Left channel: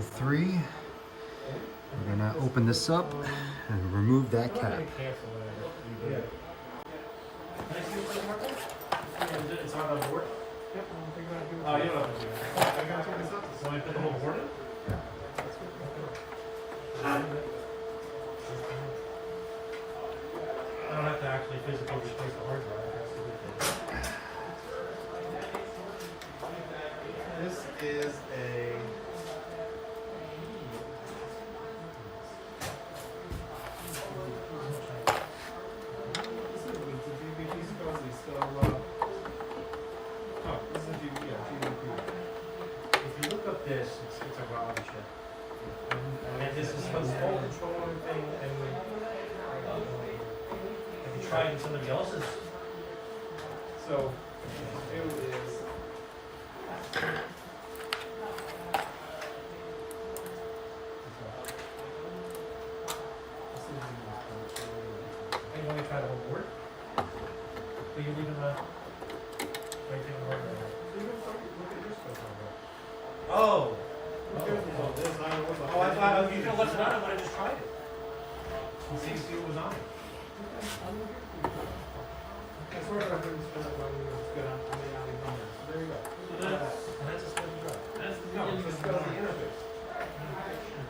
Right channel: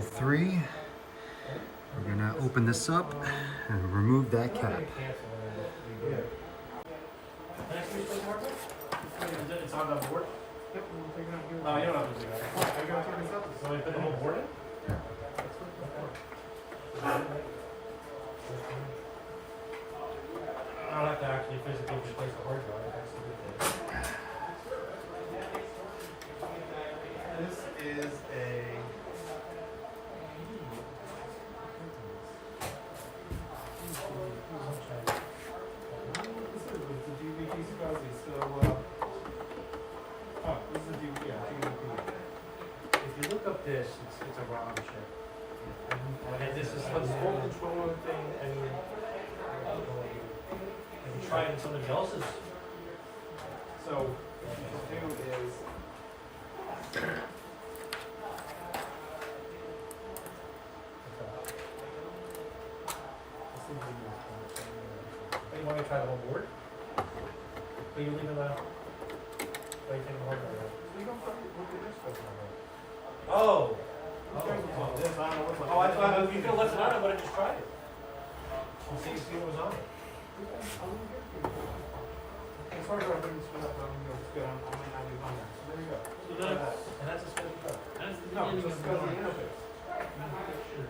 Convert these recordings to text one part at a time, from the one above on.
level 3. We're gonna open this up and remove that cap. It's on the board? Yep. No, you don't have to do that. I gotta turn this up. So we put the whole board in? Yeah. I don't have to actually physically replace the hard drive. That's the good thing. This is a... This, it's a ROM chip. And this is this whole controller thing, and if you try it in somebody else's. So what you do is you want to try the whole board? So you leave it on. So you take the hard drive. Oh! I thought if you feel less about it, I would have just tried it. And see what was on it. As far as I didn't spend up on, just go down on the alley number. So there you go. And that's a small drive. No, it's just because of the interface.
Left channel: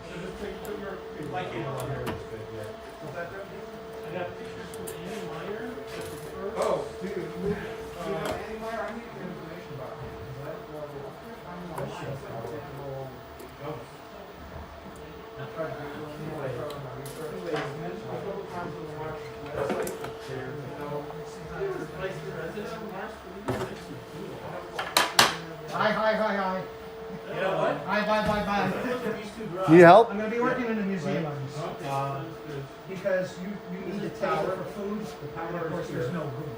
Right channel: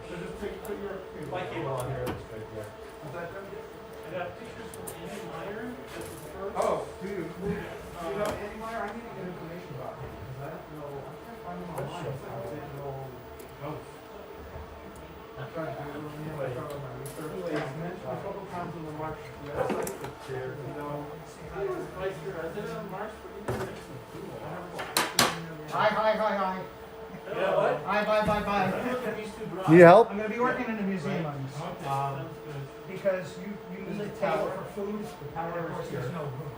So just put your light cable on here. That's good, yeah. What's that done? I got pictures from Andy Meyer. Oh, dude. Andy Meyer, I need information about him. Is that? No. Hi. Yeah, what? Bye. Need help? I'm going to be working in the museum. Because you need a table for food. Of course, there's no food.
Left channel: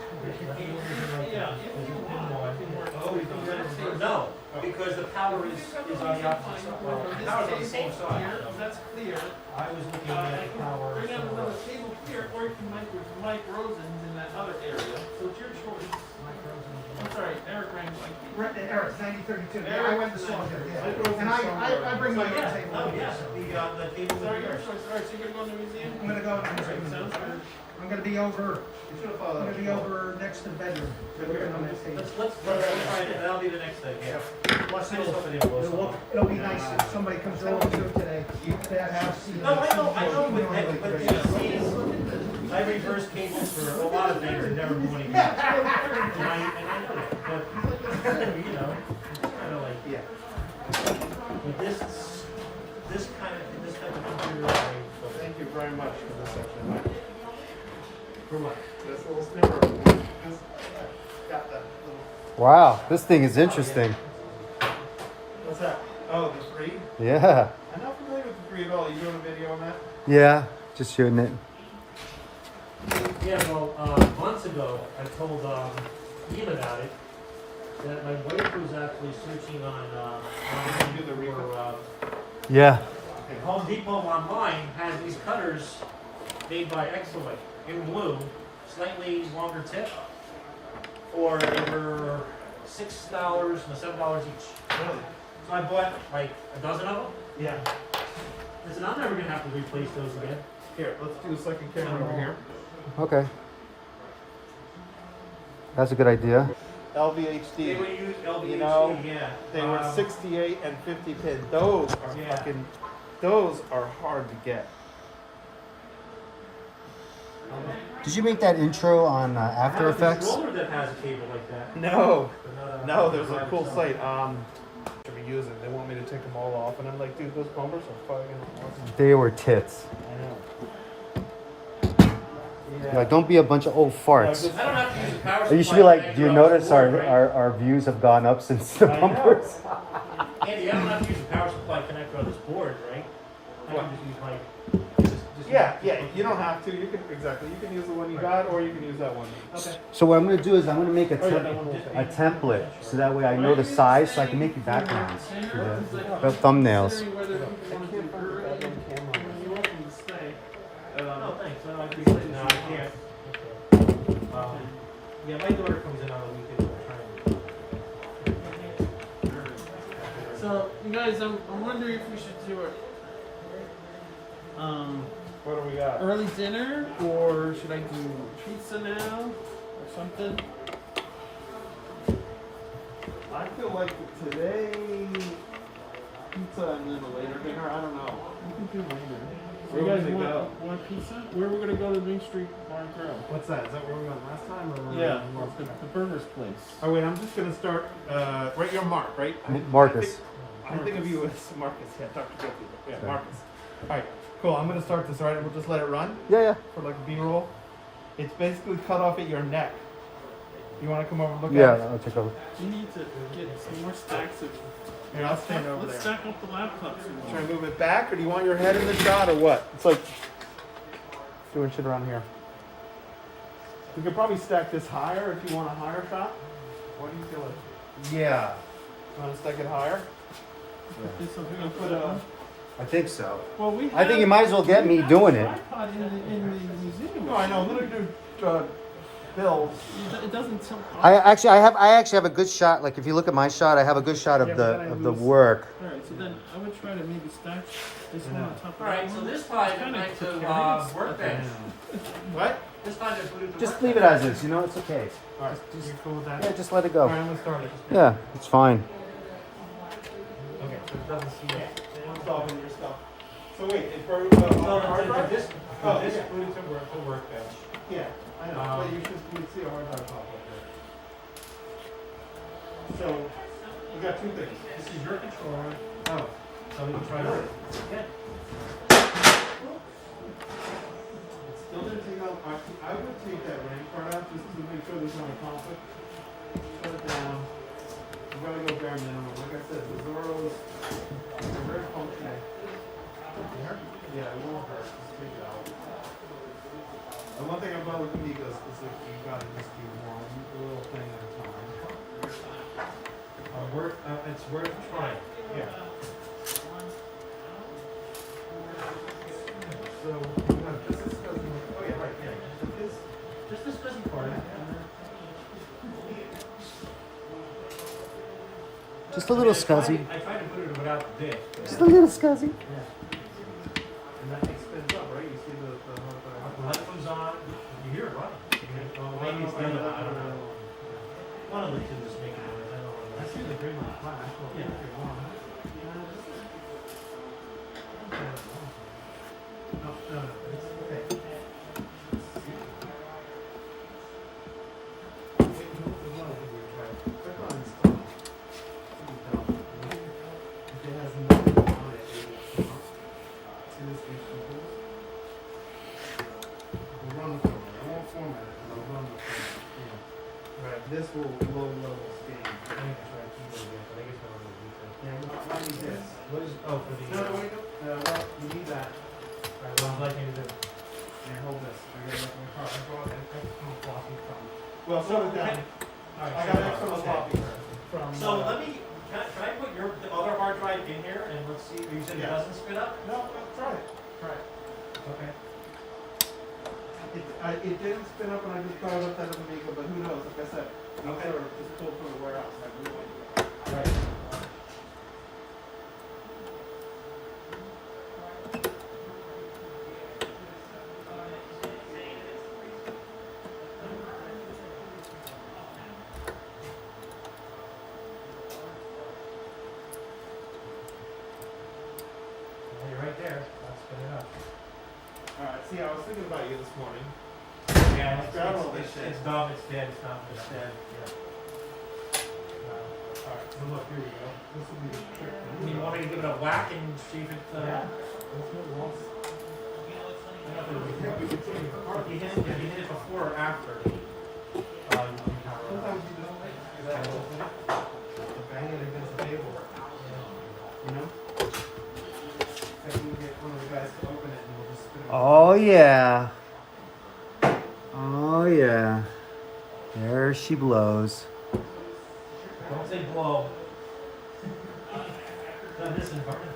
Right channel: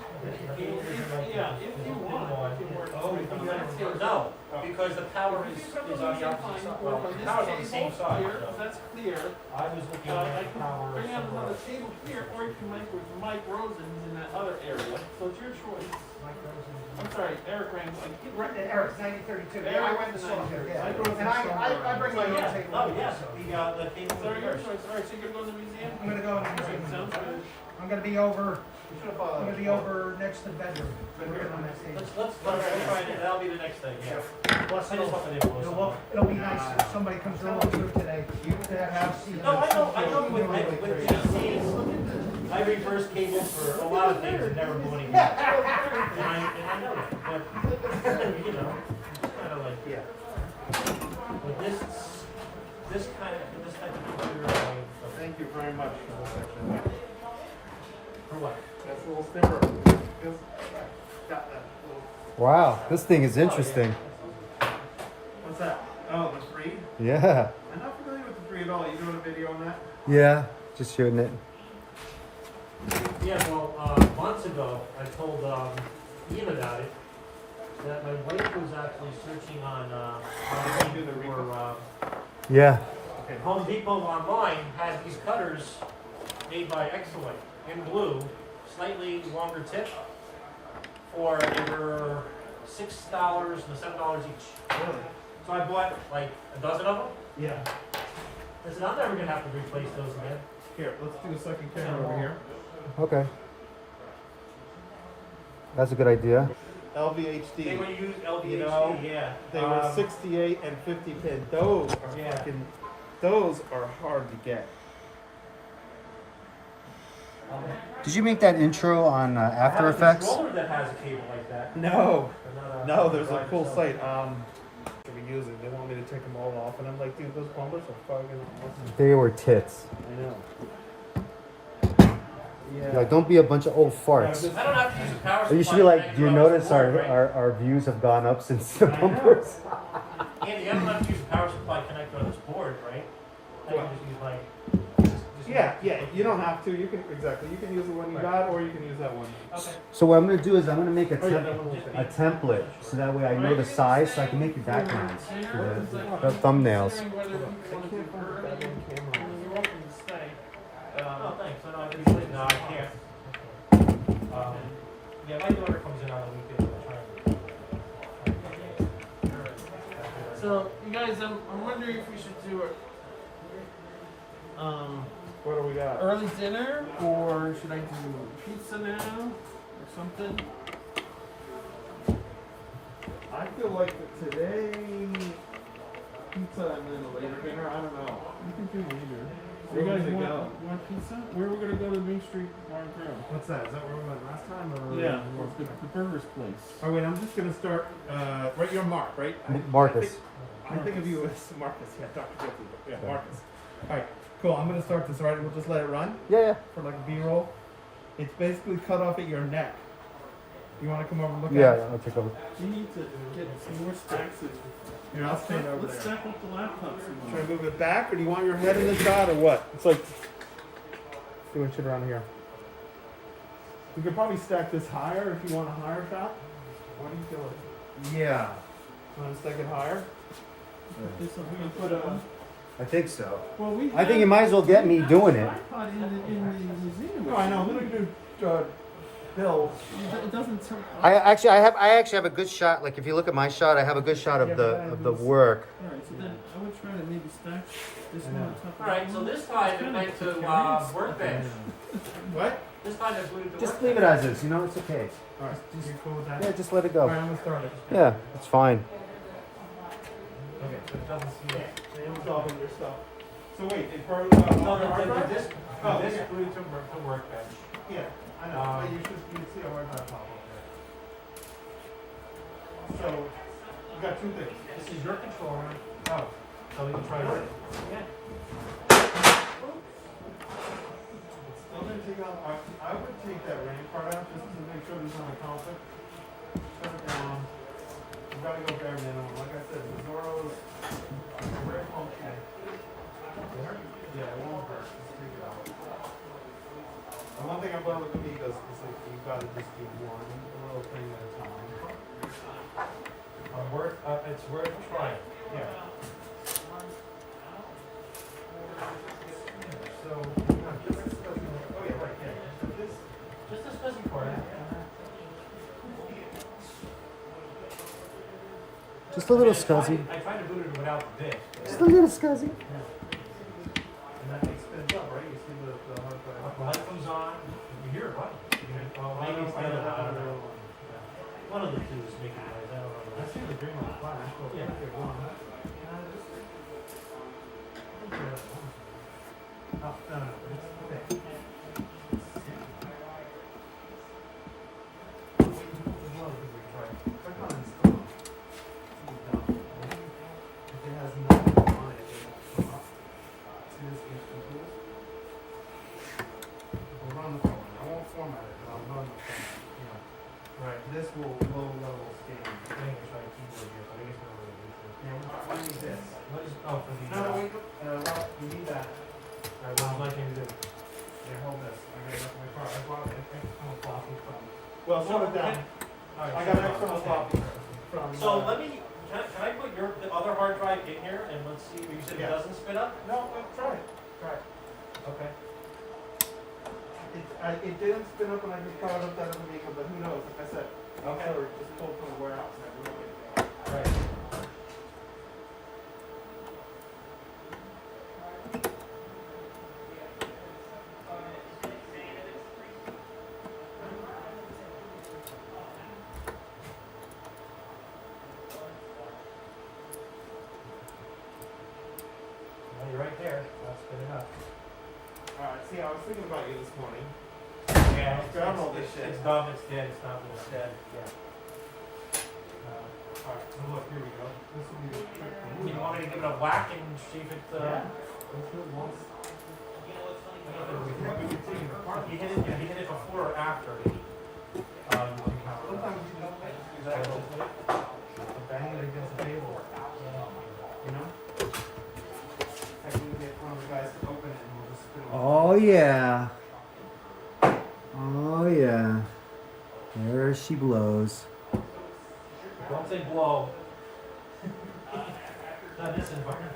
No, because the power is on the opposite side. Well, the power's on the same side. That's clear. I was looking at the power. Bring out the table clear, or you can Mike Rosen's in that other area. So it's your choice. I'm sorry, Eric Rangel. Eric's 1932. I went to saw him. Yeah. And I bring my own table. Oh, yes. The table So is you're yours. so you're going to the museum? I'm going to go in the museum. Sounds good. I'm going to be over next to the bedroom. Let's try it. That'll be the next thing. Yeah. Plus, I just hope it didn't blow something. it'll be nice if somebody comes over to it today. To have No, I know with these, I reverse cables for a lot of things and never blew any cables. And I know it, but, you know, it's kind of like, yeah. With this type of computer, Thank you very much for this actually. for what? This little snipper. Because I got that little. Wow, this thing is interesting. What's that? Oh, the 3? Yeah. I'm not familiar with the 3 at all. You doing a video on that? Yeah, just shooting it. Yeah, well, months ago, I told Ian about it, that my wife was actually searching on Yeah. Home Depot online has these cutters made by Excellent in blue, slightly longer tip, for over $6 and $7 each. Really? So I bought like a dozen of them. Yeah. I said, I'm never gonna have to replace those again. Here, let's do a second camera over here. Okay. That's a good idea. LVHD. They were used LVHD, You know, yeah. They were 68 and 50 pin. Those are those are hard to get. Did you make that intro on After Effects? I have a controller that has a cable like that. No. But not No, there's a cool site. Should we use it? They want me to take them all off, and I'm like, dude, those bumpers are fucking awesome. They were tits. I know. Yeah, don't be a bunch of old farts. I don't have to use the power You should be like, do you notice our views have gone up since the bumpers? Andy, I don't have to use the power supply connector on this board, right? I can just use my... Yeah, you don't have to. You can you can use the one you got, or you can use that one. Okay. So what I'm going to do is I'm going to make a template, so that way I know the size, so I can make the backgrounds for the thumbnails. Oh, thanks. No, I appreciate it. No, I can't. Yeah, my daughter comes in on a weekend. So, you guys, I'm wondering if we should do it. What do we got? Early dinner, or should I do pizza now, or something? I feel like today, pizza and then a later dinner. I don't know. We can do later. Where You are we guys gonna go? want pizza? Where we're gonna go to Main Street Bar and Grill? What's that? Is that where we went last time? Or The burger's place. Oh wait, I'm just gonna start. Right, you're Mark, right? Marcus. I think of you as Marcus. Yeah, Dr. Jeffrey. Yeah, Marcus. All right, cool. I'm gonna start this. All right, we'll just let it run Yeah. for like a B-roll. It's basically cut off at your neck. You want to come over and look Yeah, at it? I'll take over. We need to get some more stacks of. Here, I'll stand over Let's there. stack up the laptops. Should I move it back, or do you want your head in the shot, or what? It's like doing shit around here. We could probably stack this higher if you want a higher shot. What are you feeling? Yeah. Want to stack it higher? Okay, so we're gonna put a. I think so. Well, we. I think you might as well get me doing it. Tripod in the museum. No, I know. I'm gonna do bills. It doesn't. I actually have a good shot. Like if you look at my shot, I have a good shot of the work. All right, so then I would try to maybe stack this one on top of. All right, so this time it went to workbench. What? This time it booted to Just workbench. leave it as is. You know, it's okay. All right. You cool with that? Yeah, just let it All go. right, I'm gonna start it. Yeah, it's fine. Okay. So it doesn't see it. It's all in your stuff. So wait, it for So hard the drive? disc Oh, booted yeah. to workbench. Yeah, I know. But you should see a hard drive pop up there. So we got two things. This is your controller. Oh, so we can try it. Okay. It still didn't take out. I would take that RAM card out just to make sure there's not a conflict. Shut it down. You gotta go bare minimum. Like I said, the Zorro is very functional. Yeah, it won't hurt. Just take it out. The one thing about with Amigos is that you gotta just do one little thing at a time. It's worth trying. Yeah. So, okay, right, yeah. So this, Just this busy part. Just a little scuzzy. I tried to boot it without the disc. Just a little scuzzy. and that thing spins up, right? You see the hard drive. When that comes on, you hear it running. Oh, I Maybe it's know, the I other know, I one. know. One of the two is making noise. I don't know. I see the green on the flash. Yeah. No, it's okay. Click on install. If it has nothing on it, it will come up. See this HD tools? We'll run the format. I won't format it, but I'll run the format. Right. This will low level scan. I think I tried to do it again, but I guess I don't know the details. Yeah, I need this. What is, oh, for the. No, wait, well, you need that. Right, what would you like me to do? Here, hold this. I brought an external copy from. Well, slow it down. All right, I so- got an external okay. copy from. So let me, can I put the other hard drive in here and let's see, you said it Yeah. doesn't spit up? No, try it. Try it. Okay. It didn't spin up when I just thought about that in the vehicle, but who knows? Like I said, Okay. sort of just pulled from the warehouse. So I can look at it. Right. Well, you're right there. That's good enough. See, I was thinking about you this morning. Yeah, Grab all this shit. it's dumb, it's dead, it's not, it's dead, yeah. Alright, so look, here we go. This will be the trick. You want me to give it a whack and see if it, Yeah. Let's do it once. We can take it apart. if you hit it before or after? Sometimes you just do that whole thing. And bang it against the table. You know? I can get one of the guys to open it and we'll just spin it. Oh yeah. Oh yeah. There she blows. Don't say blow. Not this environment.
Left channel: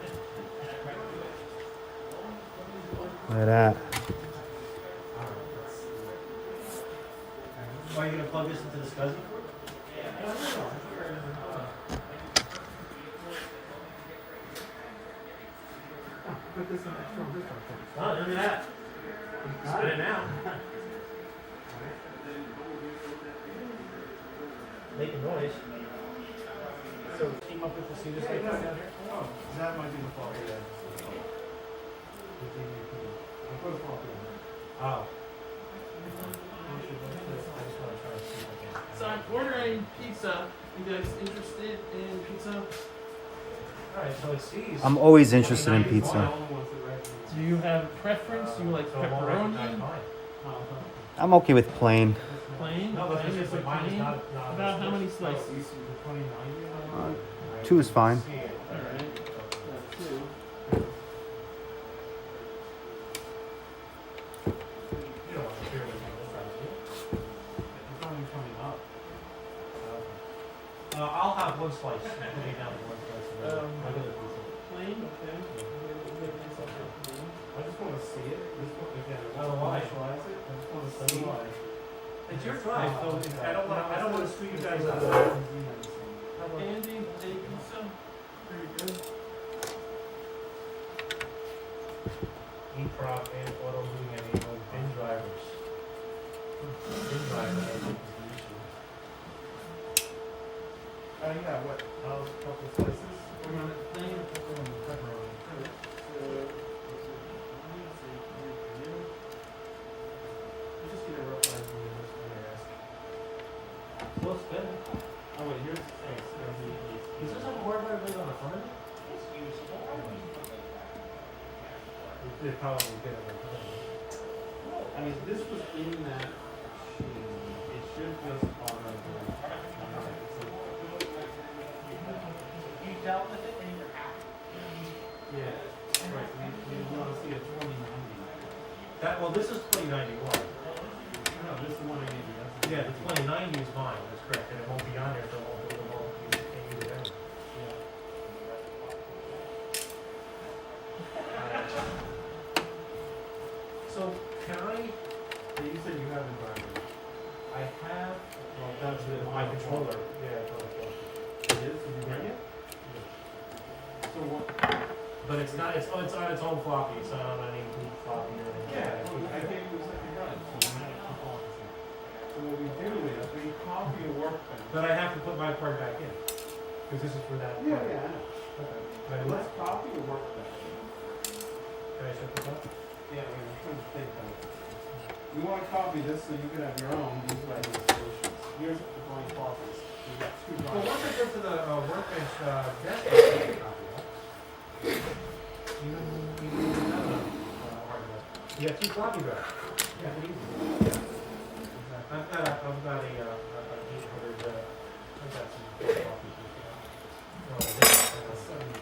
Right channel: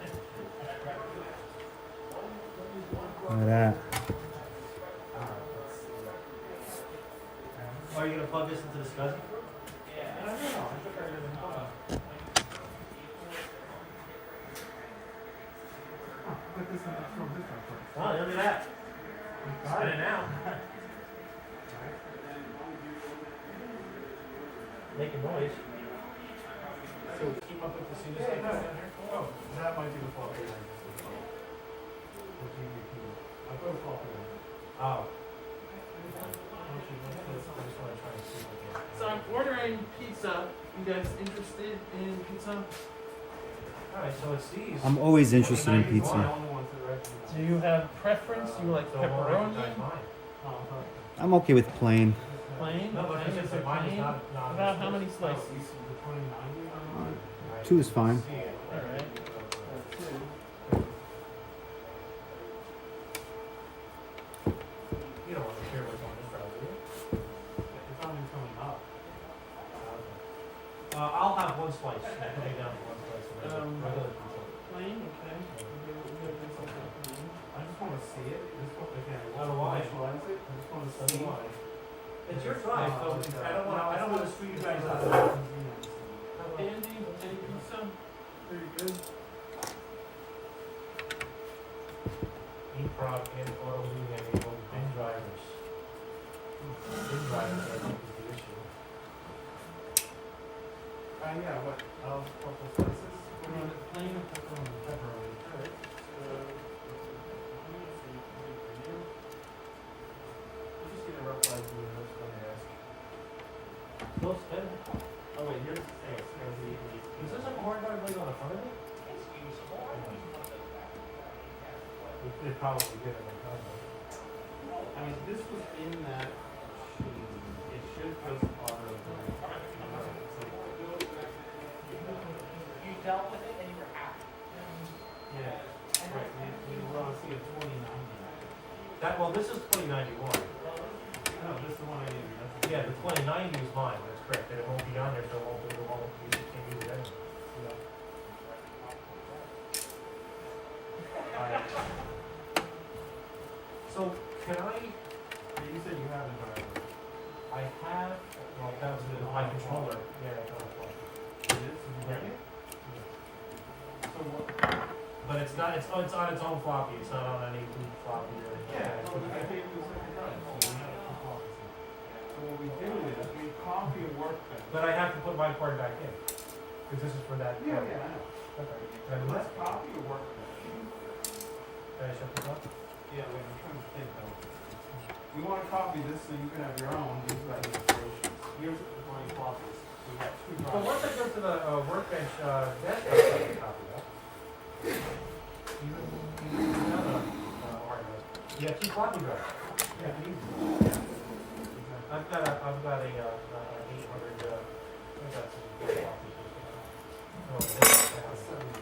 Look at that. Are you gonna plug this into the SCSI crew? Oh, look at that. Got it now. Making noise. So keep up with the senior stuff down here? Oh, that might be the floppy then. I'll put a floppy in. Oh. So I'm ordering pizza. You guys interested in pizza? Alright, so it's these. I'm always interested in pizza. Do you have preference? Do you like So I won't pepperoni? recognize mine. I'm okay with plain. Plain? No, but Plain? it's just that mine is Plain? not. About how many slices? Two is fine. Alright. You don't want to hear what's on this side, do you? It's not even coming up. I'll have one slice. Put me down to one slice of the regular pizza. Plain? Okay. I just want to see it. This one, again, I So do want I. to visualize it. I just want to So do see. I. It's your drive, so I don't want to screw you guys out. Andy, any pizza? Very good. E-prop and auto moving and bin drivers. Bin drivers, I think, is the issue. Yeah, what? A couple slices? Plain? Pepperoni. I just get a rough idea of what you're asking. Close better. Oh wait, here's Is this a hard drive right on the front of it? It probably did it on top of it. I mean, this was in that machine. It should just automatically. You dealt with it and you're happy. Yeah, right. You want to see a 2090. Well, this is 2091. No, this is the one I gave you. That's Yeah, the 2090 is mine, that's correct, and it won't be on there until all can't use it anyway. Alright. So, can I, You said you have the driver. I have, well, that's my controller, yeah. It is? Did you bring it? So what? But it's not, it's on its own floppy, it's not on any group floppy or anything. Yeah, I gave you a second gun, so we have a composite. So what we do is we copy a workbench. But I have to put my part back in, because this is for that. Yeah, I know. Okay. Can I do Let's that? copy a workbench. Can I shut this up? Yeah, wait, I'm trying to think of it. You want to copy this so you can have your own, these are the solutions. Here's the blank copies. We got two Well, copies. once I get to the workbench, that's not a copy, huh? You have two copy drives. Yeah, easy. I've got a 800, I've got some copies. Oh, that's 70.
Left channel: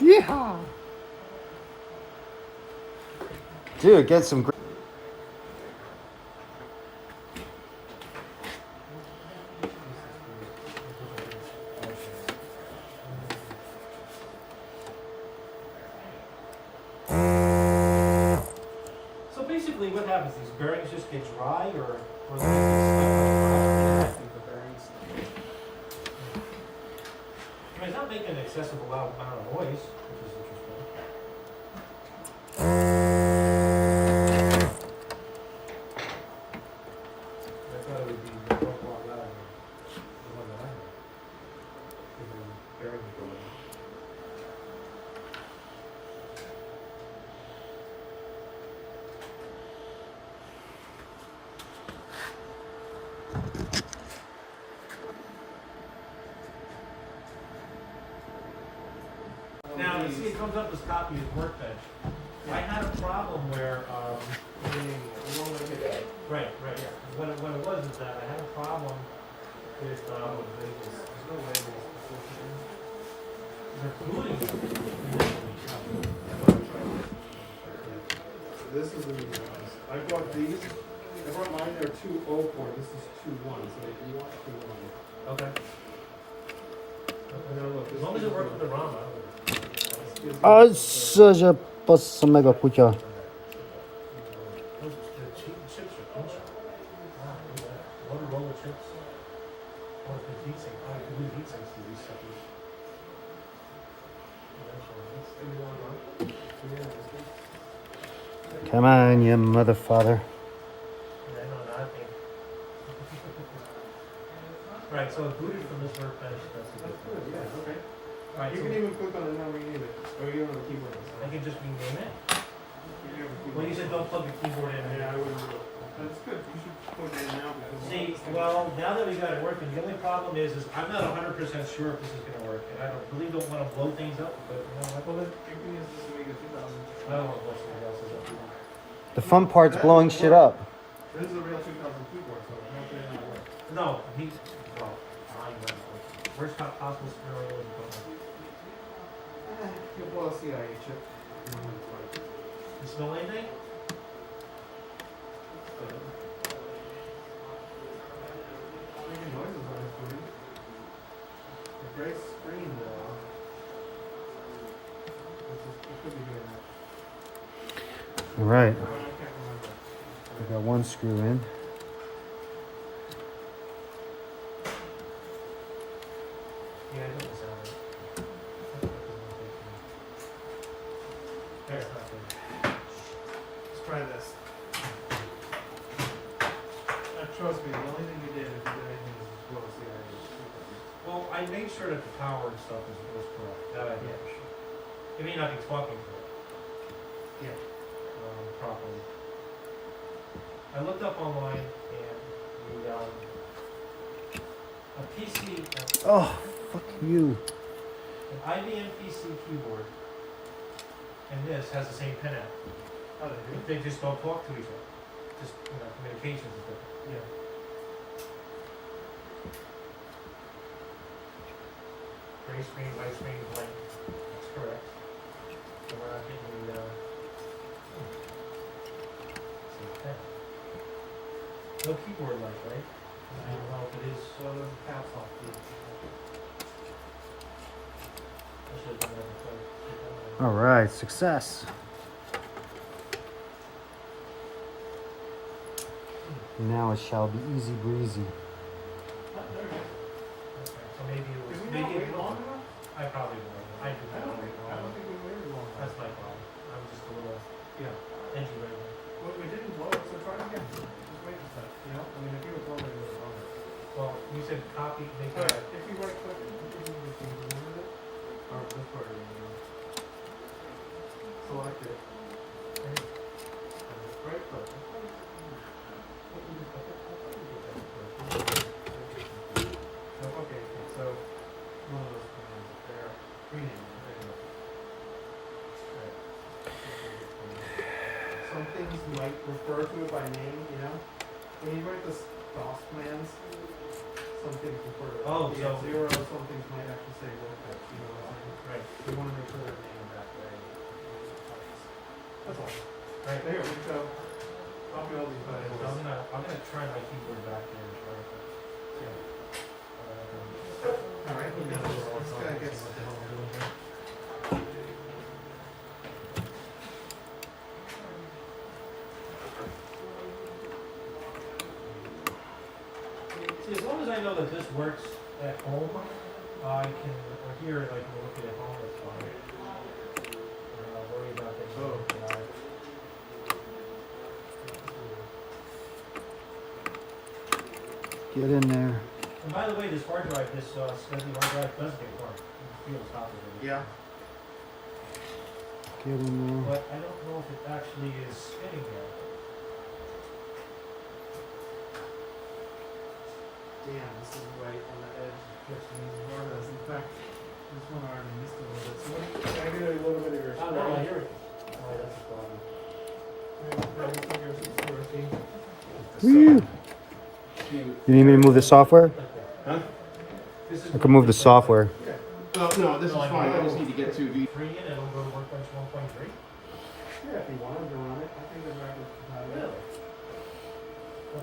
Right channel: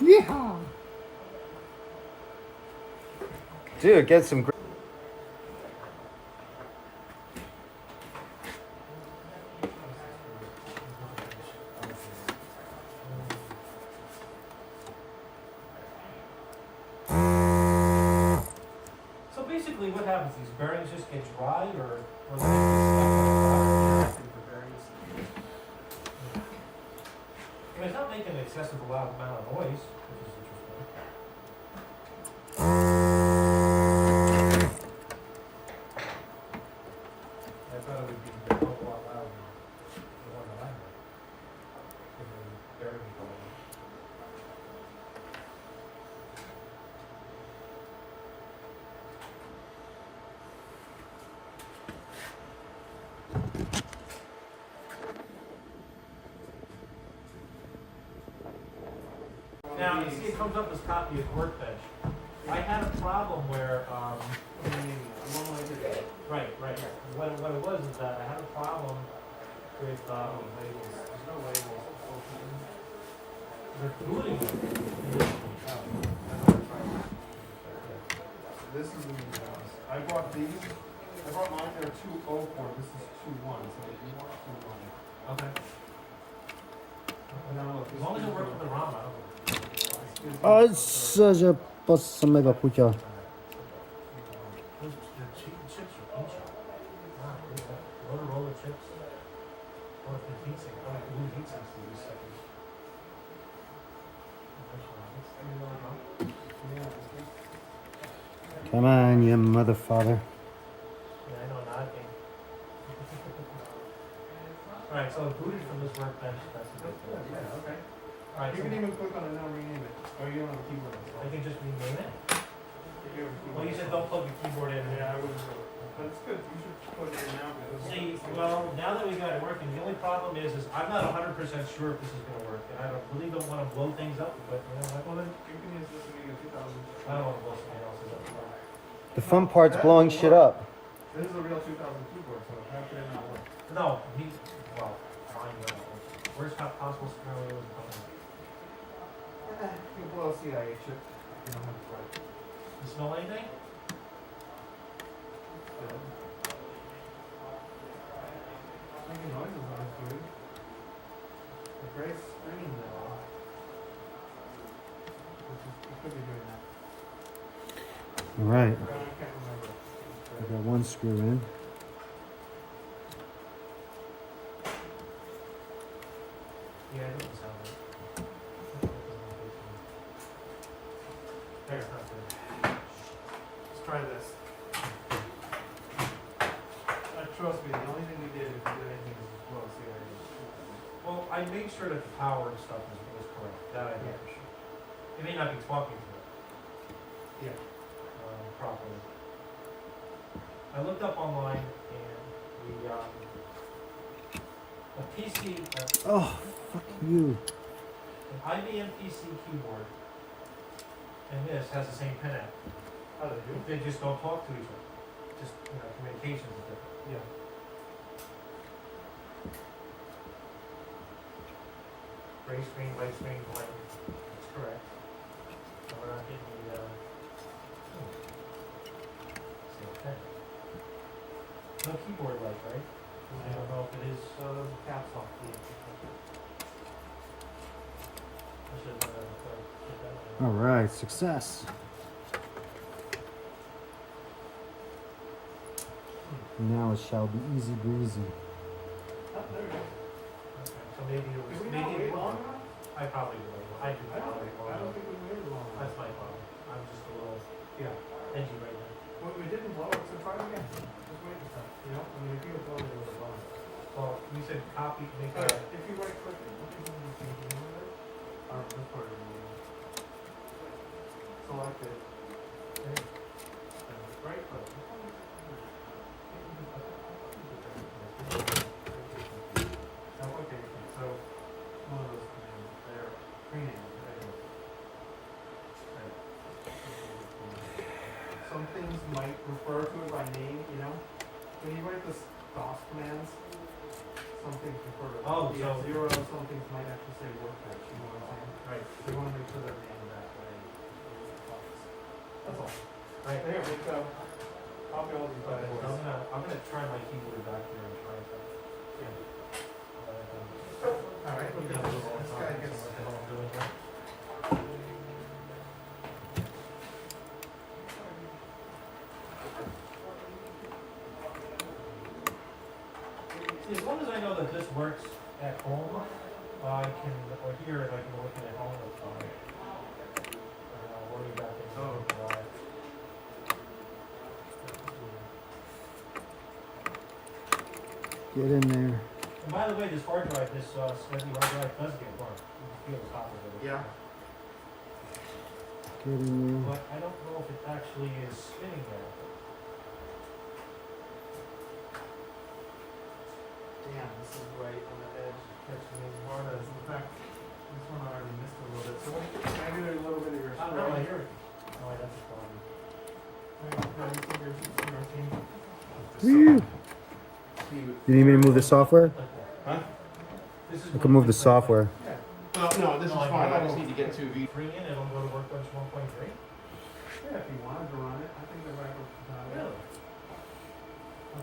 Yeehaw! Dude, get some. So basically, what happens? These bearings just get dry, or they I think the bearings. I mean, it's not making an excessive loud amount of noise, which is interesting. I thought it would be a lot louder. The one that I had. Bearings going on. Now, you see it comes up as copy of workbench. I had a problem where, right, yeah. What it was is that I had a problem with, There's no way the booting. This is the new ones. I bought these. I brought mine. They're 204. This is 21. So if you want 21. Okay. Now look. As long as it works with the ROM, I don't. A że po samego pucia. The chips are pinchy. Wow, look at that. Motorola chips. What if the heat sink? Oh, the heat sinks to these suckers. Come on, you motherfucker. Yeah, I know nothing. Right, so booted from this workbench, that's a That's good good, thing. yeah, okay. Alright, You so can even click on it now, rename it. Or you don't have a keyboard. I can just rename it. You have a keyboard. Well, you said don't plug the keyboard in. Yeah, I wouldn't do it. That's good, you should put it in now because. See, well, now that we got it working, the only problem is I'm not 100% sure if this is gonna work, and I really don't wanna blow things up, but you know what? Well, then you can use this to make a 2000. I don't wanna blow something else's up. The fun part's blowing shit up. This is a real 2000 keyboard, so how could it not work? No, well, I know. Worst possible scenario is You'll blow a CIA chip. You don't have to like. you smell anything? Making noises on this movie. The gray screen though. It could be doing that. Right. I can't remember. I got one screw in. Yeah, I know the sound of it. There's not good. Let's try this. Trust me, the only thing you did if you did anything is blow a CIA. Well, I made sure that the power and stuff was correct. That I did. It may not be talking to it. Yeah. Properly. I looked up online and a PC, Oh, fuck you. an IBM PC keyboard and this has the same pin out. How they do? They just don't talk to each other. Just, communications is different. Yeah. Gray screen, white screen, blank. That's correct. So we're not getting the, same pen. No keyboard light, right? I don't know if it is. So there's a caps lock key. I should have done that before. All right, success. Now it shall be easy breezy. Oh, there it is. Okay, so maybe it was, Did we not maybe wait it long was, enough? I probably did not. I did I not don't wait long. think we waited long enough. That's my problem. I'm just a little Yeah. edgy right now. Well, we didn't blow it, so try it again. Just wait a second, you know? I mean, if you have blown it, it would have blown it. Well, you said copy, make But a, if you right click it, you can move things over it. Or this part of the select it. And right click. Okay, so one of those commands there. Rename. Some things might refer to it by name, you know? When you write the DOS commands, some things refer to it. Oh, The so- zero, some things might actually say workbench, you know what I'm saying? right, So you wanna make sure they're named that way. That's all. right. There, let's go. Copy all these Okay, files. so I'm gonna try my keyboard back here and try it. Alright, this guy gets. See, as long as I know that this works at home, I can, or here, I can look at home, it's fine. And I'll worry about things like that. Get in there. And by the way, this hard drive, this steady hard drive does get dark. You can feel the top of it. Yeah. Get in there. But I don't know if it actually is spinning now. Damn, this is right on the edge. Catching these Vardas. In fact, this one already missed a little bit. So can I get a little bit of your Oh, no, I hear it. Oh, wait, that's a problem. Woo. You need me to move the software? Huh? This is I can move the software. Oh, no, this No, is I fine. know. I just need to get to V. 3 and it'll go to workbench 1.3. Yeah, if you wanted to run it, I think they're back with Really?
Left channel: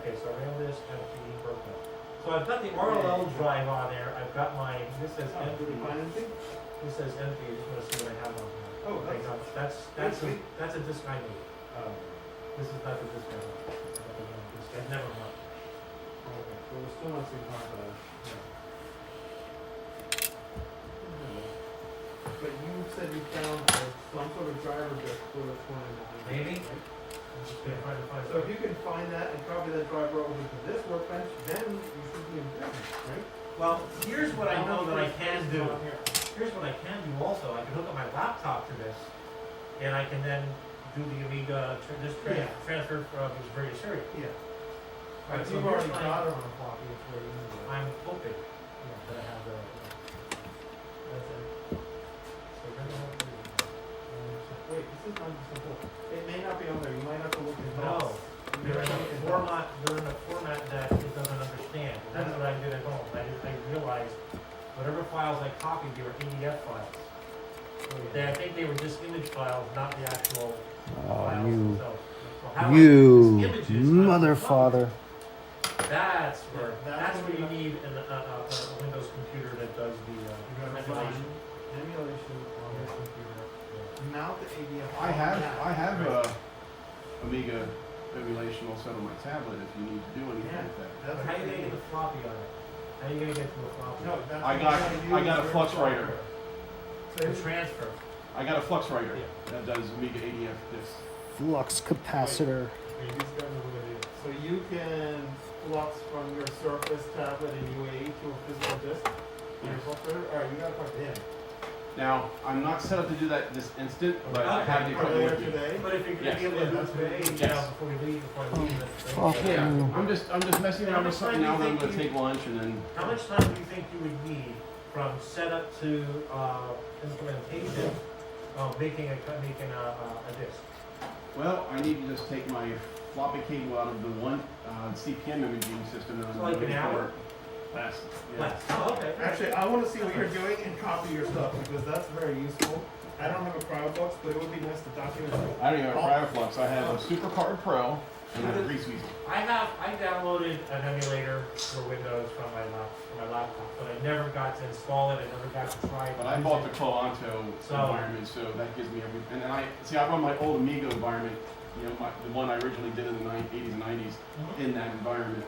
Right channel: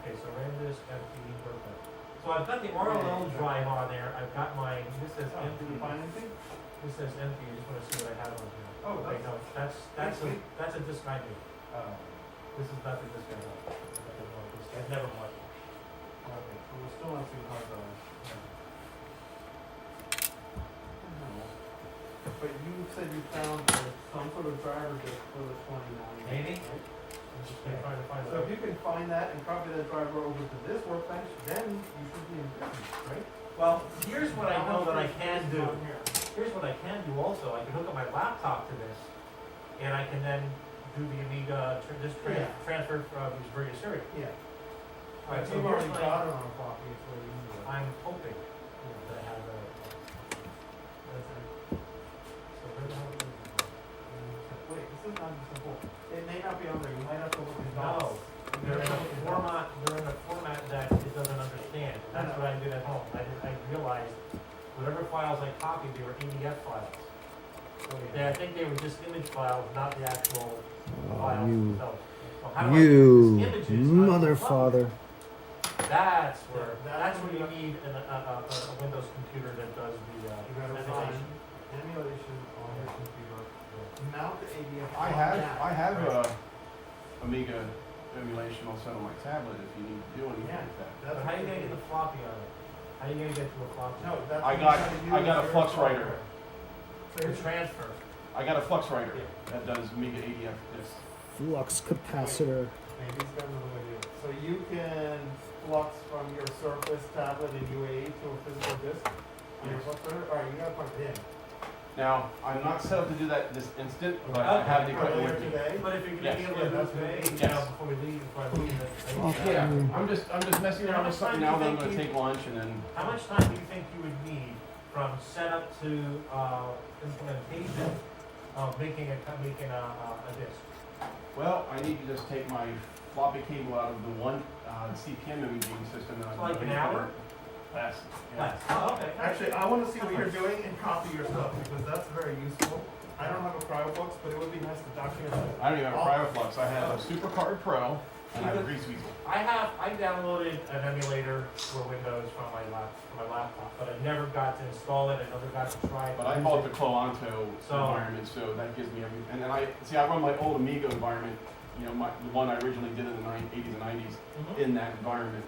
Okay, so I ran this and the workbench. So I've got the RLL drive on there. I've got my, this says Oh, did empty. you find anything? This says empty. I just want to see what I have on here. Oh, Okay, no, that's sweet. that's a disc I need. Oh. This is not the disc I want. I've never want. Okay, so we're still not seeing hard drive. But you said you found some sort of driver just for the 29. Maybe. Right? I'm just gonna try to find So if you can find that and copy that driver over to this workbench, then you should be in business, right? Well, here's what I know that I can do. Here's what I can do also. I can hook up my laptop to this, and I can then do the Amiga, transfer from these various areas. Yeah. Alright, so You've here's already my, got it on a copy, it's way easier. I'm hoping that I have a, that's it. So where the hell is it? Wait, this is not simple. It may not be on there, you might have to look in No, docs. they're in a format that it doesn't understand. And that's what I did at home. I realized whatever files I copied, they were PDF files. I think they were just image files, not the actual files you- themselves. So how I You use images, mother I don't know. father. That's where, Yeah, that's where you need a Windows computer that does the, You gotta emulation. find emulation on your computer. Mount the ADF. I on have that. Amiga emulation also on my tablet if you need to do anything Yeah. with that. That's How what are you gonna need. get the floppy on it? How are you gonna get to a floppy? No, that's. I what you got gotta use I got a your flux software. writer. So The if- transfer. I got a flux writer that does Amiga ADF discs. Flux capacitor. Maybe it's got another way to do it. So you can flux from your Surface tablet in UAE to a physical disk on your flux writer? Alright, you gotta plug it in. Now, I'm not set up to do that this instant, but I have the For later equipment. today? But if you're gonna Yes. be able Yeah, to do that's it today, what- you know, yes. before we leave, if I leave it. Oh, Yeah, I'm just messing around with something now that I'm gonna take lunch and then. How much time do you think you would need from setup to, implementation of making a disk? Well, I need to just take my floppy cable out of the one CPM imaging system. And So like an hour? That's, yeah. Oh, okay. Actually, I wanna see what you're doing and copy your stuff, because that's very useful. I don't have a CryoBooks, but it would be nice to document it. I don't even have CryoFlux. I have a SuperCard Pro and I have a Greaseweasel. I downloaded an emulator for Windows from my laptop, but I never got to install it, I never got to try it. But I bought the Colanto environment, so that gives me everything. And I run my old Amiga environment, you know, the one I originally did in the 80s and 90s, in that environment.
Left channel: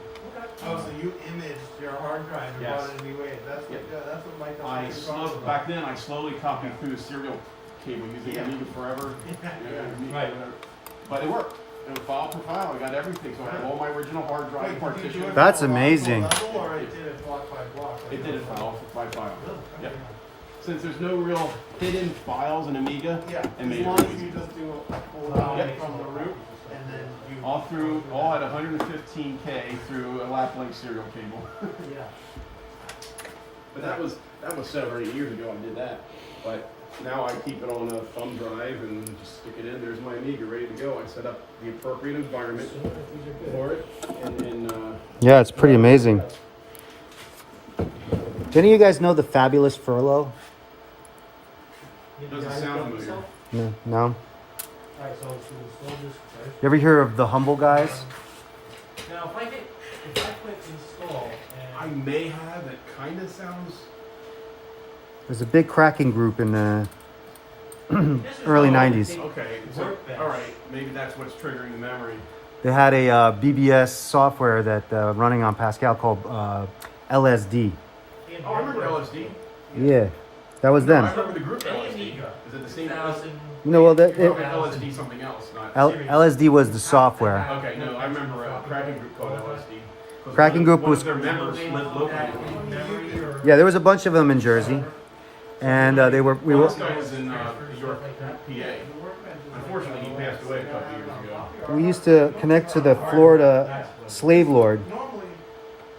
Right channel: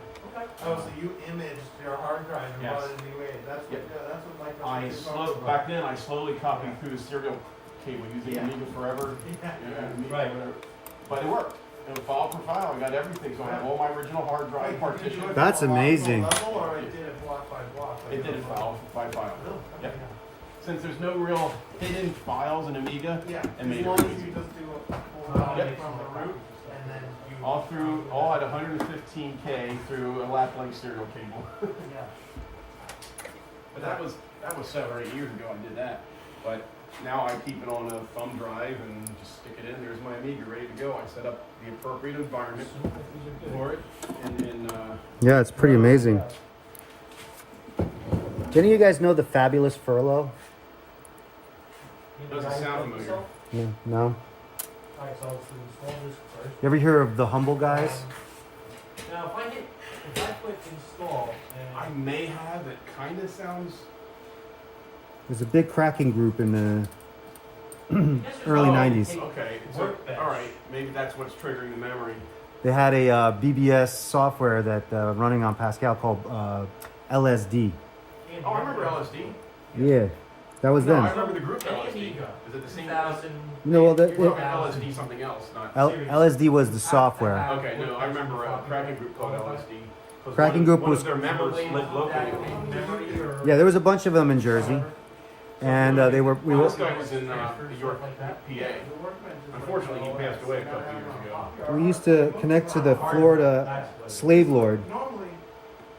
Oh, so you imaged your hard drive and Yes. brought it in UAE, that's what, Yeah. that's what Mike was Back then, I slowly copied through the serial cable using Yeah. Amiga Forever. Yeah. Amiga Right. Forever. But it worked. It was file per file. I got everything, so I have all my original hard drive Wait, did you do partition. it That's from a amazing. level, or it did it block by block? like It did it was- file by file. Oh, Yeah. okay. Since there's no real hidden files in Amiga, Yeah, it as made it long as easy. you just do a full download from the root, and then you. all at 115K through a lacking serial cable. Yeah. But that was 7 or 8 years ago I did that. But now I keep it on a thumb drive and just stick it in. There's my Amiga ready to go. I set up the appropriate environment for it. And then, Yeah, it's pretty amazing. Do any of you guys know the fabulous furlough? does it sound familiar? No? Alright, so let's install this first. You ever hear of the Humble Guys? Now, if I click install, I and may have. It kind of sounds. There's a big cracking group in the this is early all 90s. the Okay, so, workbench. all right. Maybe that's what's triggering the memory. They had a BBS software that running on Pascal called LSD. And Oh, I remember the- LSD. Yeah, that was No, I them. remember the group Any LSD. Amiga, Is it the same? 2000. No, well, LSD something else, not. LSD was the software. Okay, no, I remember a cracking group called LSD. Cracking group One was- of their members They lived put that locally. in memory or- Yeah, there was a bunch of them in Jersey, and we Well, were. this guy was in York, PA. Unfortunately, he passed away a couple years ago. We used to connect to the Florida slave lord, Normally,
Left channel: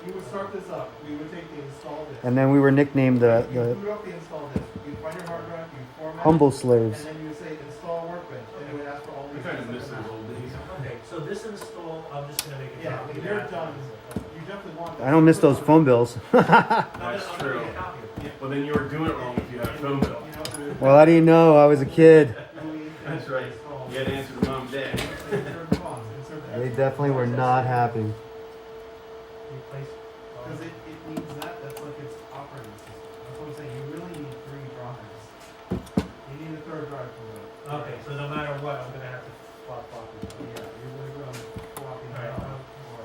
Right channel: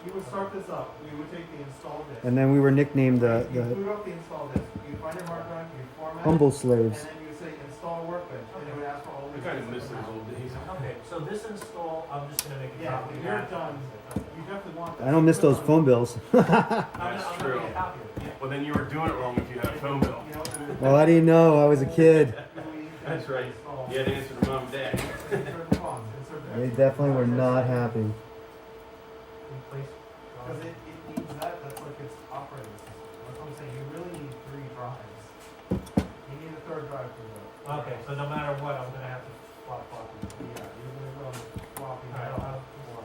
you would start this up, you would take the install disk. and then we were nicknamed You the boot up the install disk, you find your hard drive, you format it, humble and slaves. then you would say install workbench, and it would ask for all I these. kind of miss those old days. Okay, so this install, I'm just gonna make a Yeah, copy. when of you're that. done, you definitely want. I don't miss those phone bills. That's I'm true. gonna make a copy of it. Well, then you were doing it wrong if you had a phone bill. You know, Well, how do you know? I was a kid. That's right. You had to answer your mom and dad. Insert the funds, insert the. They definitely were not happy. Replace. Because it needs that, that's like its operating system. That's what I'm saying, you really need 3 drives. You need a 3rd drive for that. Okay, so no matter what, I'm gonna have to swap copies. Yeah, you're gonna go swapping Alright, out. Or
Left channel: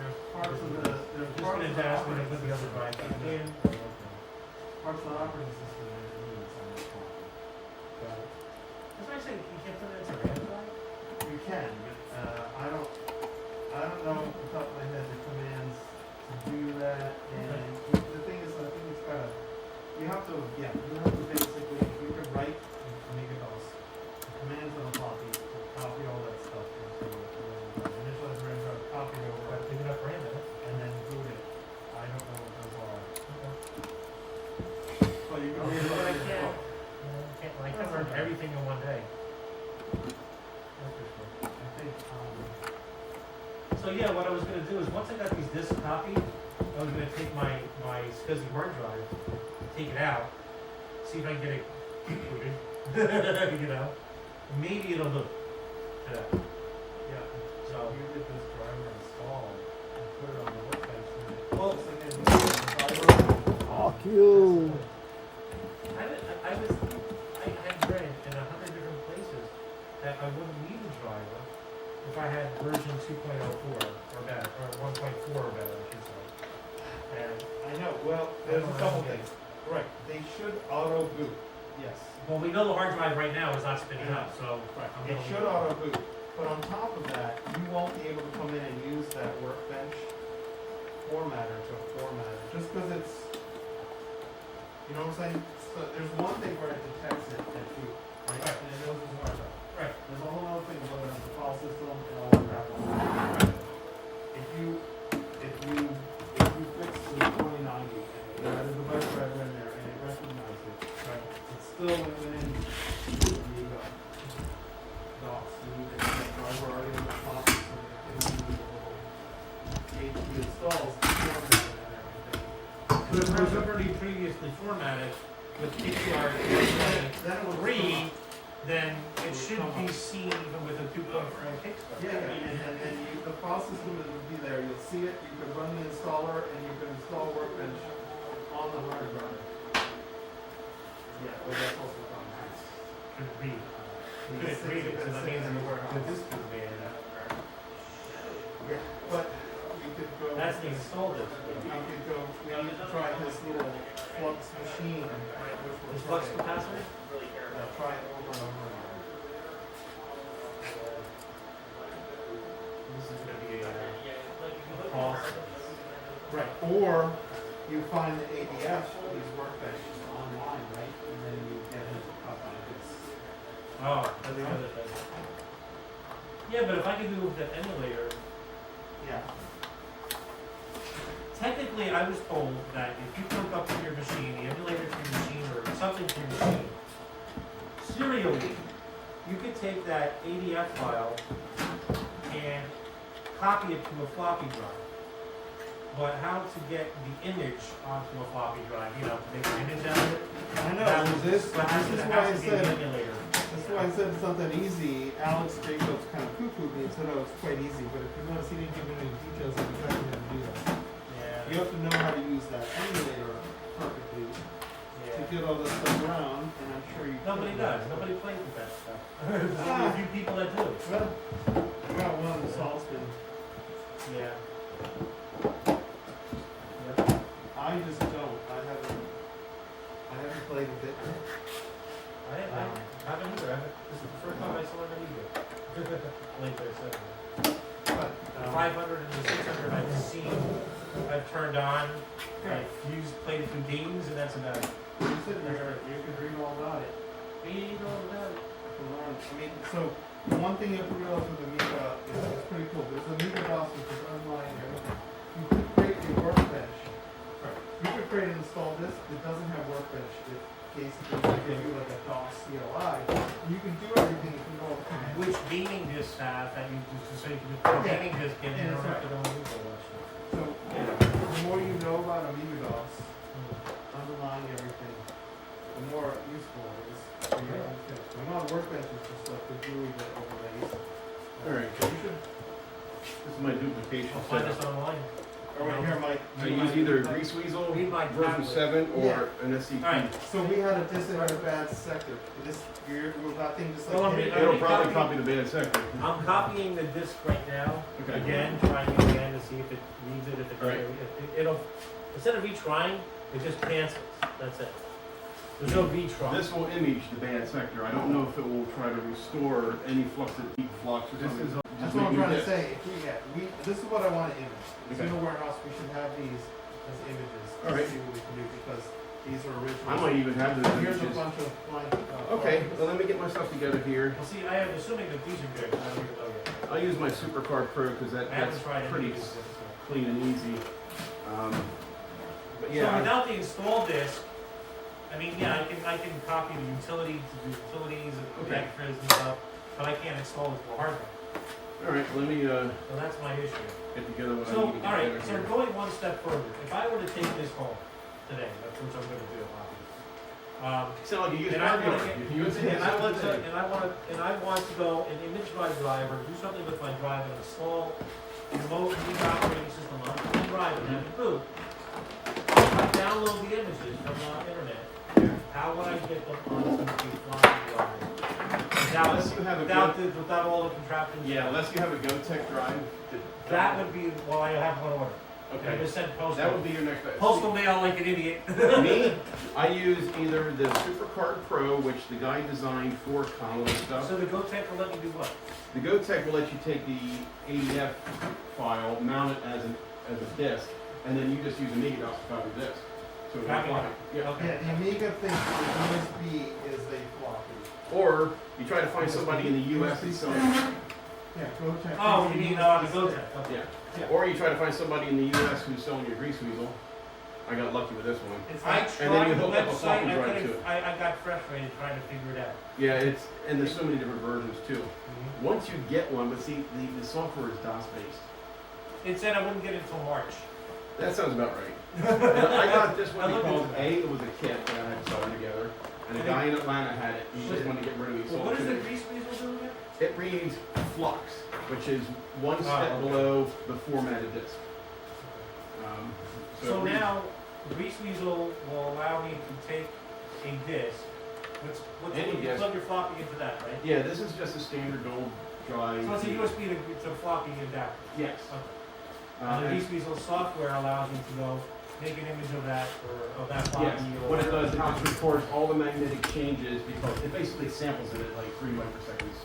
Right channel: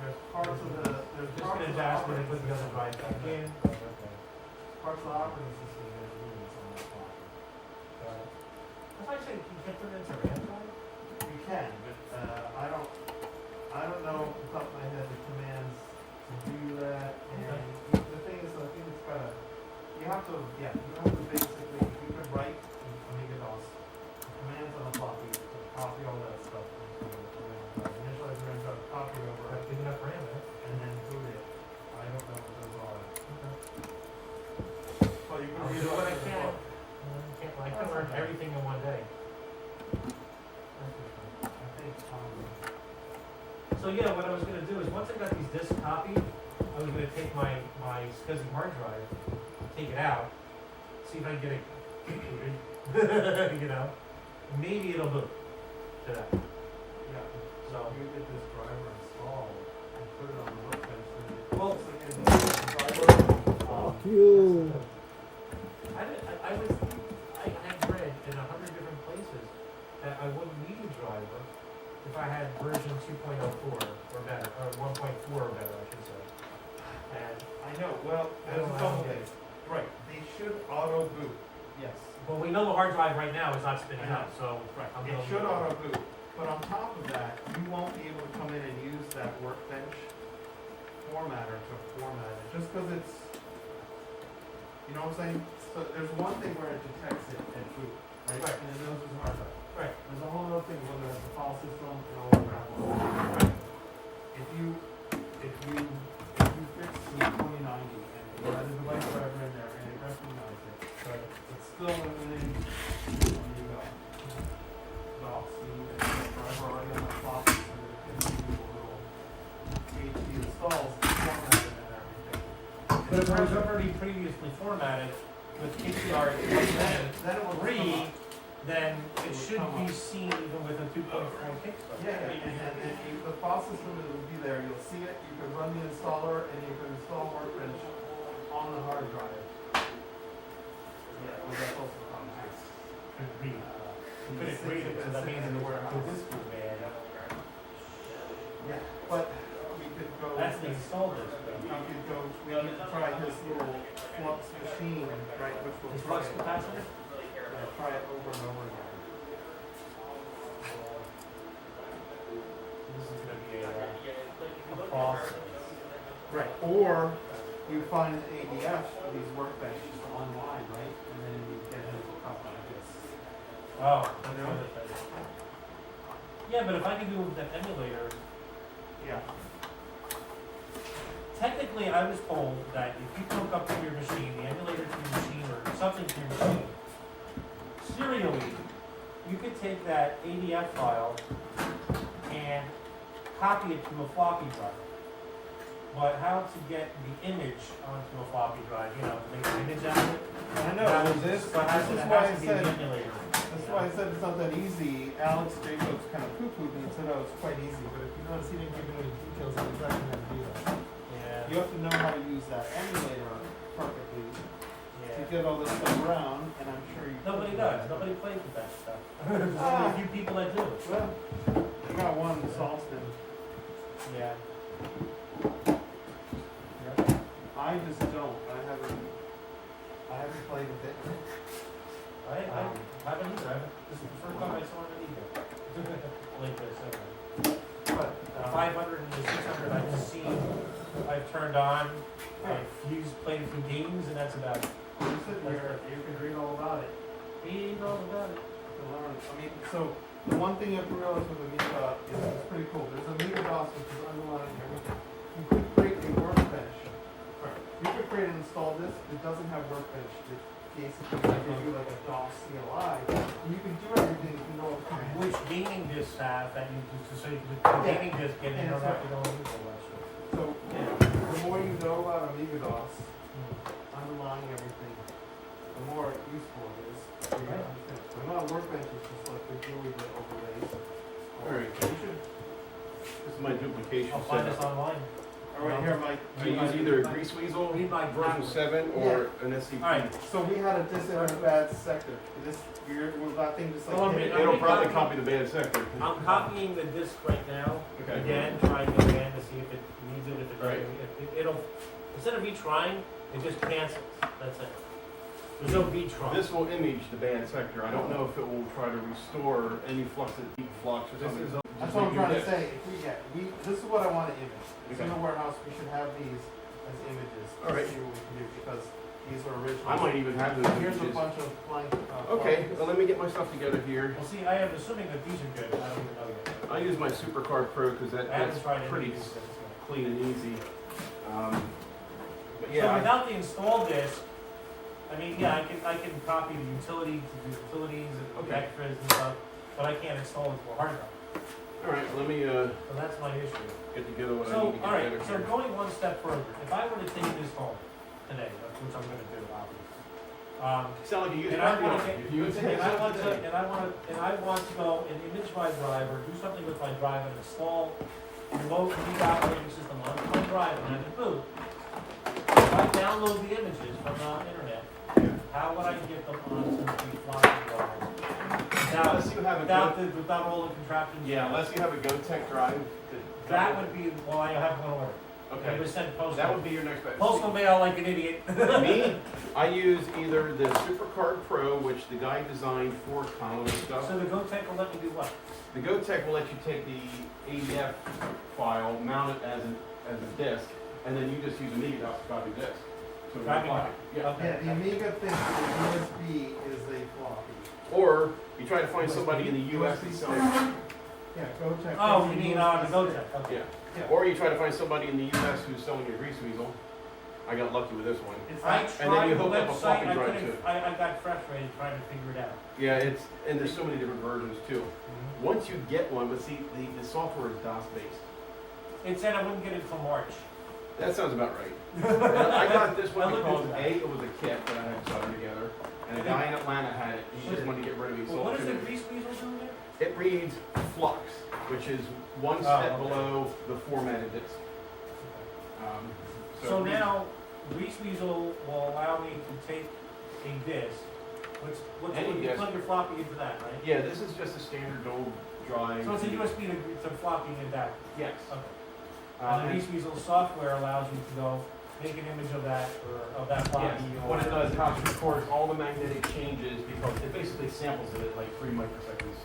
there's parts of the, there's Just parts gonna of the ask when I operating put the other system. drive back in. Parts of the operating system that you need on the clock. That's why I say you can't put it into RAM drive. You can, but, I don't know off the top of my head the commands to do that, and the thing is, I think it's gotta, you have to basically, you could write Amiga-DOS, commands on a floppy, to copy all that stuff into the RAM drive. Initialize RAM drive, copy it over, Got big enough RAM, eh? and then boot it. I don't know what those are. Well, you can I'll read do what I it in the can. book. I can't learn everything in one day. I think, So yeah, what I was gonna do is, once I got these discs copied, I was gonna take my SCSI hard drive, take it out, see if I can get it booted, you know? Maybe it'll do today. yeah, So, you get this driver installed and put it on the workbench. well, Fuck you. I read in 100 different places that I wouldn't need a driver if I had version 2.04 or better, or 1.4 or better, I should say. And I know, well, there's a couple things. Right, they should auto boot, yes. well, we know the hard drive right now is not spinning up, so Right, I'm it gonna should leave auto boot, but on top of that, you won't be able to come in and use that workbench formatter to format it, just because it's, you know what I'm saying? So there's one thing where it detects it at boot, right? Right. And it knows it's hard drive. Right. There's a whole other thing where it has the file system and all that crap. If you fix the 2090 and it added the web driver in there and it recognizes it, it's still limiting the DOS. You need to get driver already on the top so that it can do the little AP installs, format it and everything. But if it was already previously formatted with KCR Then it will come 3, up. then it It would should come be up. seen even with a 2.4 kickstart. Yeah, and the file system will be there, you'll see it, you can run the installer, and you can install Workbench on the hard drive. Yeah, well, that's also common sense. Could read. Could it read it, because that means in the warehouse. Yeah, but we could go. That's the install disk. We need to try his little flux machine, right, which The we'll flux try. capacitor? Yeah, try it over and over again. This is gonna be a process. Right, or you find an ADF for these workbenches online, right, and then you get him to copy this. Oh, You know? another thing. Yeah, but if I could do with the emulator, Yeah. technically I was told that if you hook up to your machine, the emulator to your machine, or something to your machine, serially, you could take that ADF file and copy it to a floppy drive. But how to get the image onto a floppy drive, you know, to make an image out of it? I know, that well, was- this but has is to- it why has I to be said, an emulator. that's why I said it's not that easy. Alex Jacobs kind of poo-pooed me and said, oh, it's quite easy, but if you've not seen anything of any details of exactly how to do that. Yeah. You have to know how to use that emulator perfectly to Yeah. get all this stuff around, and I'm sure you. Nobody could. does. Nobody plays with that stuff. There's only a few people that do. Well, I got one in Salzburg. Yeah. I just don't. I haven't played a bit. I haven't either. This is the first time I saw it either. Link there, certainly. But, The 500 and the 600 I've seen, I've turned on, I've played a few games, and that's about it. you said you could read all about it. You know about it. To learn. I mean, so the one thing you have to realize with Amiga is it's pretty cool. There's Amiga DOS, which is online here. You could create a workbench. You could create an install disk. It doesn't have workbench. It basically gives you like a DOS CLI. And you can do everything if you know what to do. Which gaming discs have that you just so you can put Yeah. gaming disc in, and you don't have to go and Google that shit. So the more you know about Amiga DOS, underlying everything, the more useful it is for you to understand. So not workbench is just like the GUI that overlays. Alright. So you should. This is my duplication I'll find setup. this online. All right, here, Mike. I use either a Grease Weasel Read my version driveway. 7 or an SCP. Alright, So we had a disinter bad sector. This weird, was that thing just like. Well, I'm hit it? reading- It'll probably copy the bad sector. I'm copying the disc right now, Okay. again, trying again to see if it needs it, if it, Right. if it, it'll, instead of retrying, it just cancels, that's it. There's no V-Tron. This will image the bad sector. I don't know if it will try to restore any flux or something. That's what I'm trying to say. If this is what I want to image. It's in Okay. the warehouse. We should have these as images. All right. See what we can do because these are original. I might even have those Here's a images. bunch of blank. Okay, well, let me get my stuff together here. Well, see, I am assuming that these are good. I don't even know yet. I use my SuperCard Pro because I that's haven't tried any pretty of these yet. clean and easy. But So yeah, without the install disk, I mean, yeah, I can copy the utilities and Okay. extras and stuff, but I can't install it for hard drive. all right, let me So that's my issue. get together what I So, need to get all right, together so here. going one step further, if I were to take this home today, which I'm gonna do, obviously. Sound like you use And I Mario. want to, You can use it and I want to, today. and I want to go and image my drive or do something with my drive and install remote read operating system on the drive and have it boot. If I download the images from the internet, how would I get them onto the floppy drive? Unless you have a Without all the contraptions? Yeah, unless you have a GoTech drive. That would be, well, I have one order. Okay, It was sent that would postal. be your next best. Postal mail like an idiot. Me, I use either the SuperCard Pro, which the guy designed for Commodore stuff. So the GoTech will let me do what? The GoTech will let you take the ADF file, mount it as a disk, and then you just use Amiga to copy disk. So it's Copy floppy. it. Yeah. Okay. Yeah, the Amiga thinks the USB is a floppy. Or you try to find somebody in the US USB that's stick. Yeah, go check. Oh, you mean, the GoTech, okay. Yeah. Or you try to find somebody in the US who's selling your grease weasel. I got lucky with this one. I And then tried you the hook up a website, floppy I drive couldn't, to it. I got frustrated trying to figure it out. Yeah, and there's so many different versions too. Once you get one, but see, the software is DOS based. It said I wouldn't get it until March. That sounds about right. And I got this one I looked because into that. it was a kit that I had sewn together, and a guy in Atlanta had it. He just wanted to get rid of it. Well, what does the grease weasel do again? It reads flux, which is one Oh, step okay. below the formatted disk. So it reads- now, grease weasel will allow me to take a disk, which Any you disk. plug your floppy into that, right? Yeah, this is just a standard old drive. So it's a USB to floppy in that. Yes. Okay. Uh, And the grease weasel software allows you to go make an image of that of that floppy. Yes, or what it does, it how just records all the magnetic changes because it basically samples it at like 3 microseconds.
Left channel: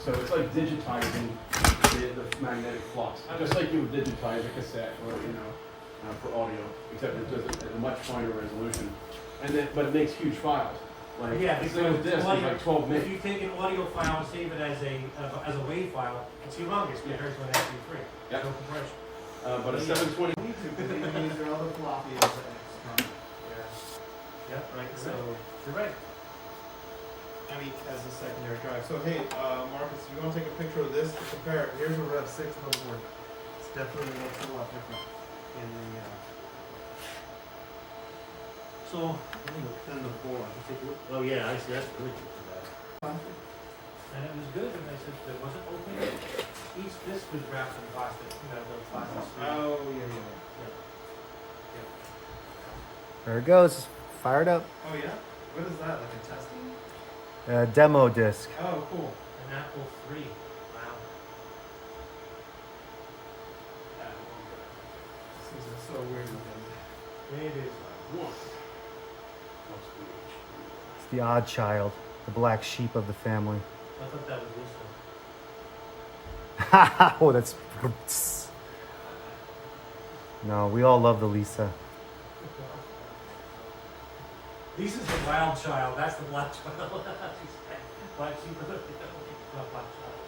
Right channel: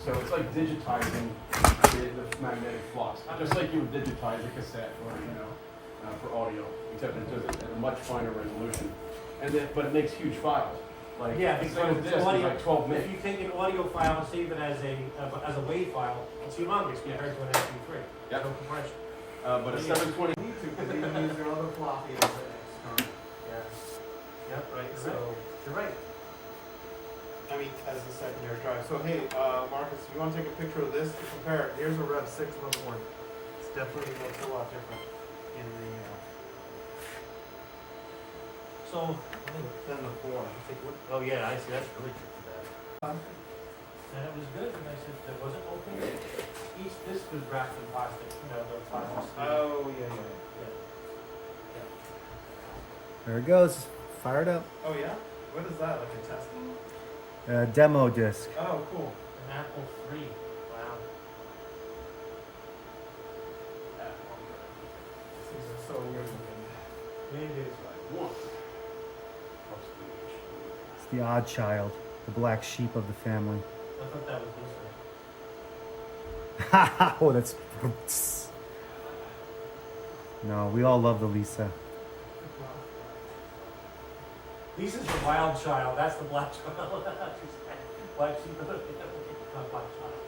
So it's like digitizing the magnetic flux, just like you would digitize a cassette or, for audio, except it does it at a much finer resolution. And then, but it makes huge files. Like, Yeah, this because disc is audio, like 12 if meg. you take an audio file and save it as a WAV file, it's humongous compared to an MP3. Yeah. No compression. But a Yeah. 720, Because they can use their other floppy as an external. Yep, right. So, You're right. I mean, as a secondary drive. So hey, Marcus, if you want to take a picture of this to compare it, here's a Rev 6 motherboard. It's definitely looks a lot different in the, So, than the 4. oh yeah, I see. That's really good for that. And it was good because it wasn't open. Each disc was wrapped in plastic. The plastic. Oh, yeah. There it goes. Fired up. Oh, yeah? What is that, like a testing? Demo disc. Oh, cool. An Apple III. Wow. This is so weird looking. It is. It's the odd child, the black sheep of the family. I thought that was Lisa. Oh, that's. No, we all love the Lisa. Lisa's the wild child. That's the black child. Black sheep of the family. Not black child.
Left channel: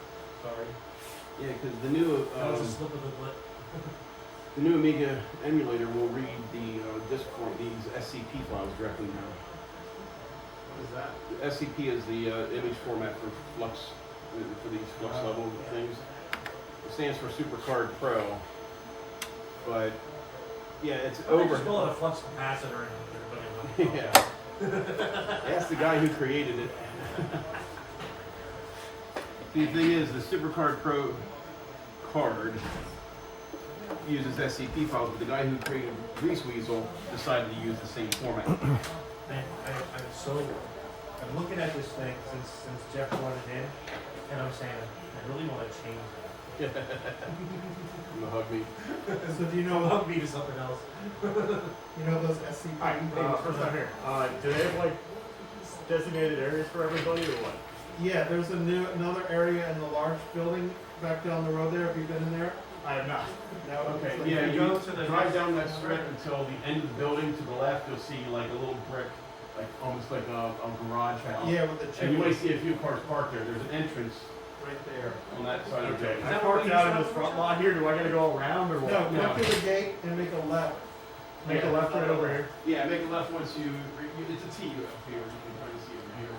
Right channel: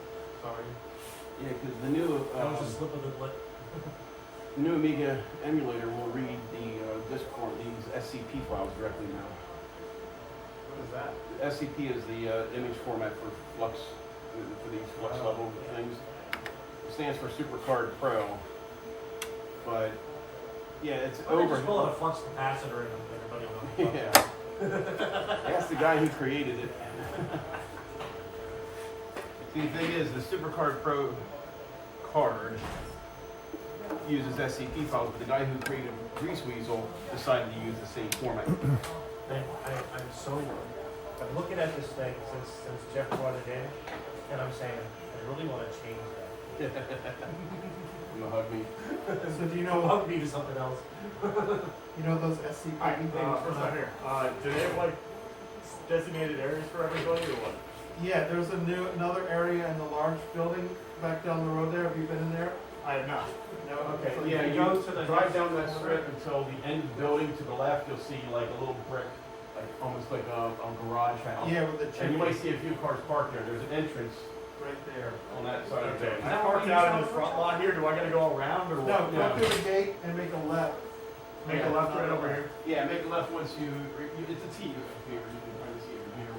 Sorry. yeah, because the new That was a slip of the lip. the new Amiga emulator will read the disk for these SCP files directly now. What is that? The SCP is the image format for flux, for these flux Oh. level things. It stands for SuperCard Pro, but yeah, it's Why don't they over. just call it a flux capacitor and everybody will know. Yeah, that's the guy who created it. See, the thing is, the SuperCard Pro card uses SCP files, but the guy who created Grease Weasel decided to use the same format. I'm looking at this thing since Jeff brought it in, and I'm saying, I really want to change that. I'm a hug me. So do you No, know, hug me to something else. you know those SCP things? Here, do they have like designated areas for everybody or what? Yeah, there's another area in the large building back down the road there. Have you been in there? I have not. No. Okay, So yeah, you you go to the drive down that strip until the end of the building, to the left, you'll see like a little brick, like almost like a garage house. Yeah, with the And you might chimney see a few cars parked there. There's an entrance right there. on that side of the Is building. that parking out in this front lot here? Do I gotta go around or No, what? go through the gate and make a left. Make a left right over here. Yeah, make a left once it's a T up here. You can kind of see it from here.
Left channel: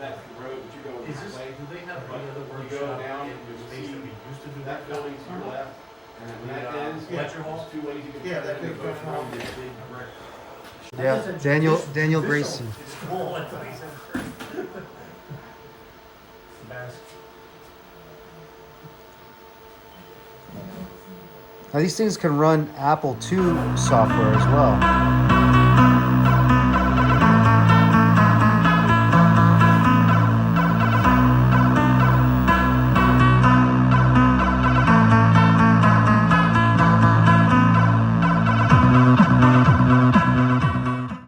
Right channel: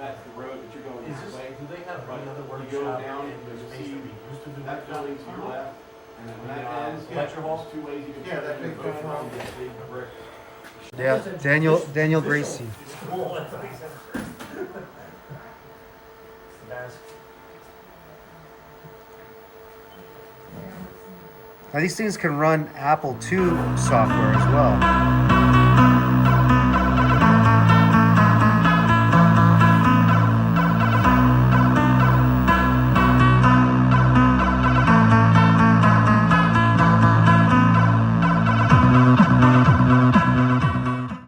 That's the road that you're going Is this this, way. do they have another You go workshop down in and the you space see that we used to do that workshop? building to your left. And then when that ends, Lecture hall? there's two ways you can. Yeah, that turn in big both front hall. ways, that big brick. Yeah, Daniel Gracie. It's cool, that's what he said. Embarrassing. Now these things can run Apple II software as well.